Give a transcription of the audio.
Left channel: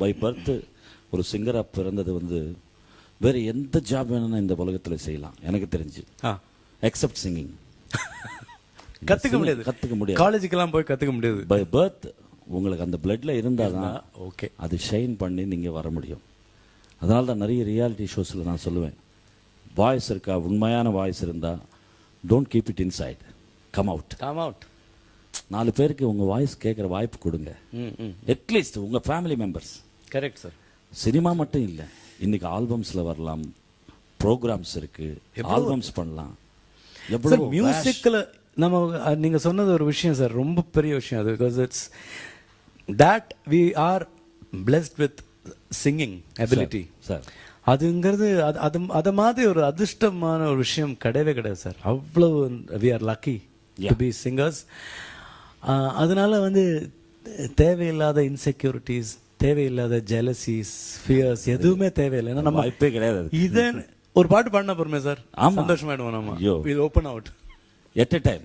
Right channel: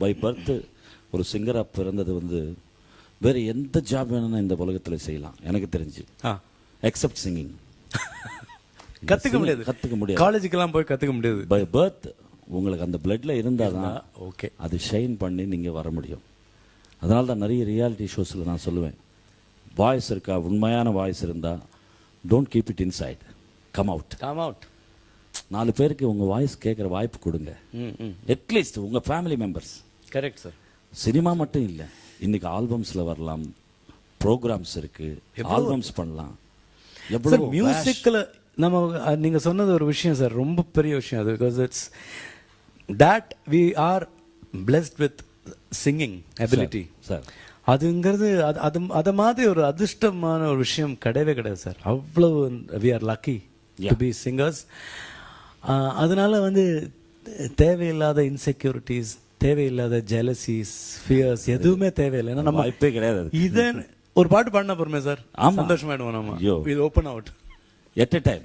By birth ஒரு சிங்கரா பிறந்தது வந்து வேற எந்த ஜாப் வேணும்னா இந்த உலகத்துல செய்யலாம் எனக்கு தெரிஞ்சு, எக்ஸப்ட் சிங்கிங். கத்துக்க முடியாது. காலேஜுக்கெல்லாம் போய் கத்துக்க முடியாது. பை பர்த் உங்களுக்கு அந்த பிளட்ல இருந்தாதான் ஓகே அது ஷைன் பண்ணி நீங்க வர முடியும். அதனால தான் நிறைய ரியாலிட்டி ஷோஸ்ல நான் சொல்லுவேன், வாய்ஸ் இருக்கா, உண்மையான வாய்ஸ் இருந்தா don't keep it inside, come out. 4 பேருக்கு உங்க வாய்ஸ் கேட்கிற வாய்ப்பு கொடுங்க. அட்லீஸ்ட் உங்க family members. Correct sir. Cinema மட்டும் இல்ல, இன்னைக்கு ஆல்பம்ஸ்ல வரலாம், ப்ரோக்ராம்ஸ் இருக்கு, ஆல்பம்ஸ் பண்ணலாம். எவ்வளவு மியூசிக்ல நம்ம நீங்க சொன்னது ஒரு விஷயம் சார், ரொம்ப பெரிய விஷயம் அது. Because it's that we are blessed with singing ability sir. அதுங்கிறது அது மாதிரி ஒரு அதிர்ஷ்டமான ஒரு விஷயம் கிடையவே கிடையாது சார். அவ்வளவு we are lucky to be singers. அதனால வந்து தேவையில்லாத இன்செக்யூரிட்டிஸ், தேவையில்லாத ஜெலசிஸ், ஃபியர்ஸ் எதுவுமே தேவையில்லை. நம்ம வாய்ப்பே கிடையாது. இத ஒரு பாட்டு பாடினா போறமே சார், சந்தோஷமாயிடுவோம் நம்ம. Will open out at a time.